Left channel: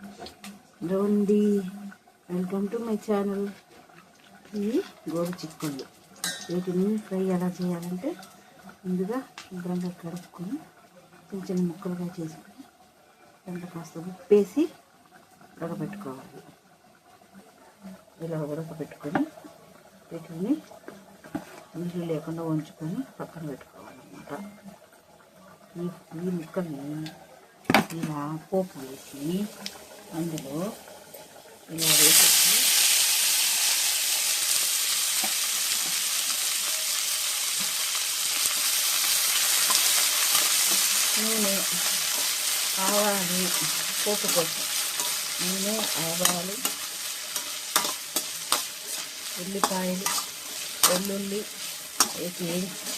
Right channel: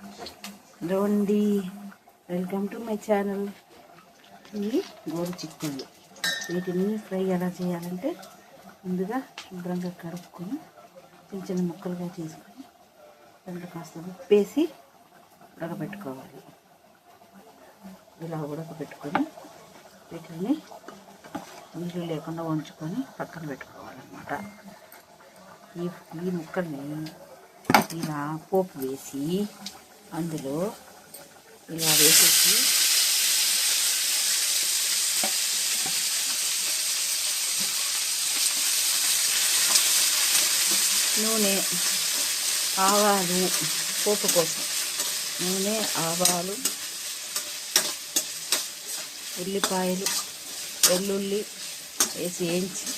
Hello అండి, welcome to my channel. ఇవి గోరు చిక్కుళ్ళు. వీటిని ఫ్రై ఎలా చేయాలంటే ముందుగా శుభ్రంగా కడుక్కొని చిన్న చిన్న ముక్కలుగా చేసుకొని దాంట్లో కాస్త ఉప్పేసి ఉడకబెట్టుకోవాలి. ఇలా ఉడకబెట్టుకొని వీటిని నీళ్ళు లేకుండా ఉంచుకొని పక్కన పెట్టుకోవాలన్నమాట. ఈ ముక్కల్ని ఇలా పోపు వేసి అందులో ఇలా వేసేసి నూనె, ఆవాలు, పోపు కోసం నూనె, ఆవాలు, ఉల్లిపాయలు, వెల్లుల్లి వేసి వేయించి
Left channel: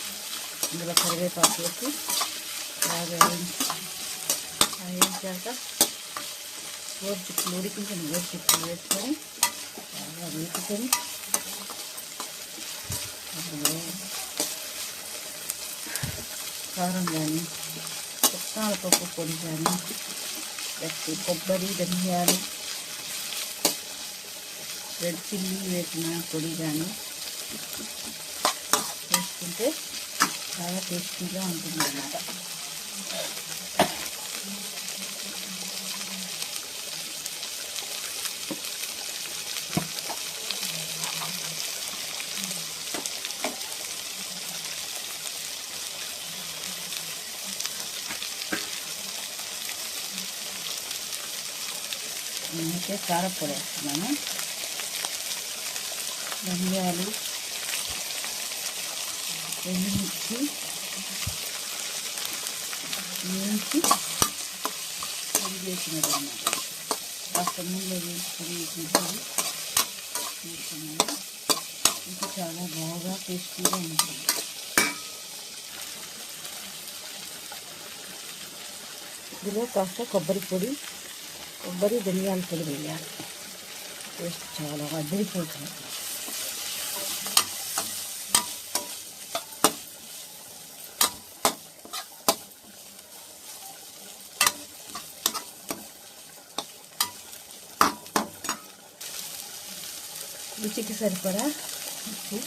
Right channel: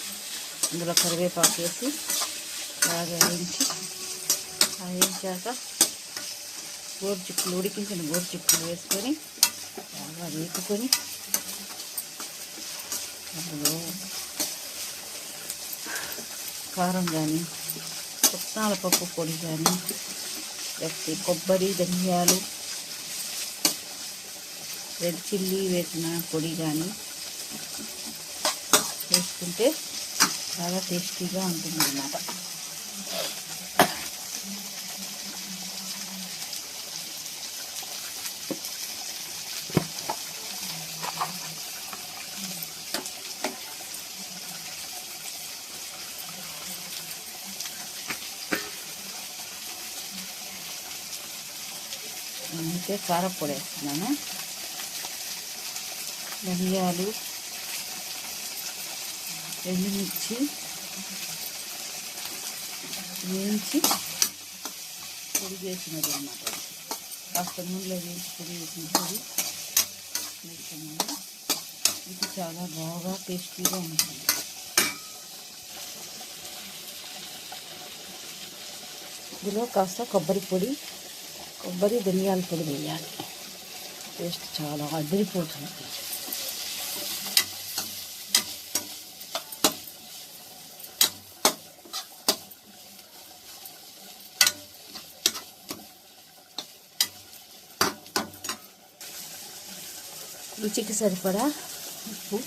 అందులో కరివేపాకు వేసి బాగా వేయించాక గోరుచిక్కులు, ఉడికించిన గోరుచిక్కులు వేసుకొని బాగా వేసుకొని అందులో కారం కానీ, పుట్నాల పప్పు పొడి కానీ, లేకపోతే కొబ్బరి, ధనియాలు, రెడ్ చిల్లీ వేసిన పొడి కానీ వేసుకుంటే చాలా టేస్టీగా ఉంటుంది అన్నమాట. నేనైతే కారపొడి వేస్తున్నాను. ధనియాలు, ఎండుమిర్చి వేయించి పొడి చేసినది అన్నమాట. కాస్త నూనెలో వేసి పొడి చేసినది వేసుకున్నాను. ఇది చాలా బాగా టేస్టీగా ఉంటుంది. ఇందులో కాస్త కొబ్బరి ధనియాల పొడి వేయాలి. టేస్ట్ చాలా అదిరిపోతుంది. రుచికి సరిపడా ఉప్పు,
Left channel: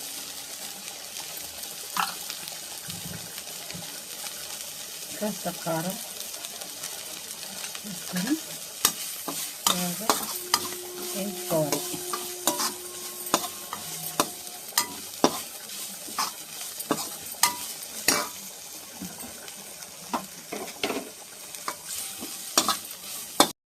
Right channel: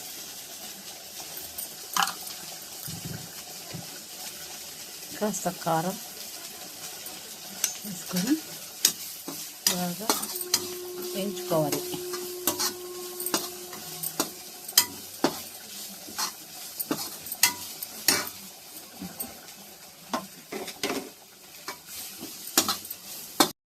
కాస్త కారం వేసుకొని బాగా వేయించుకోవాలి.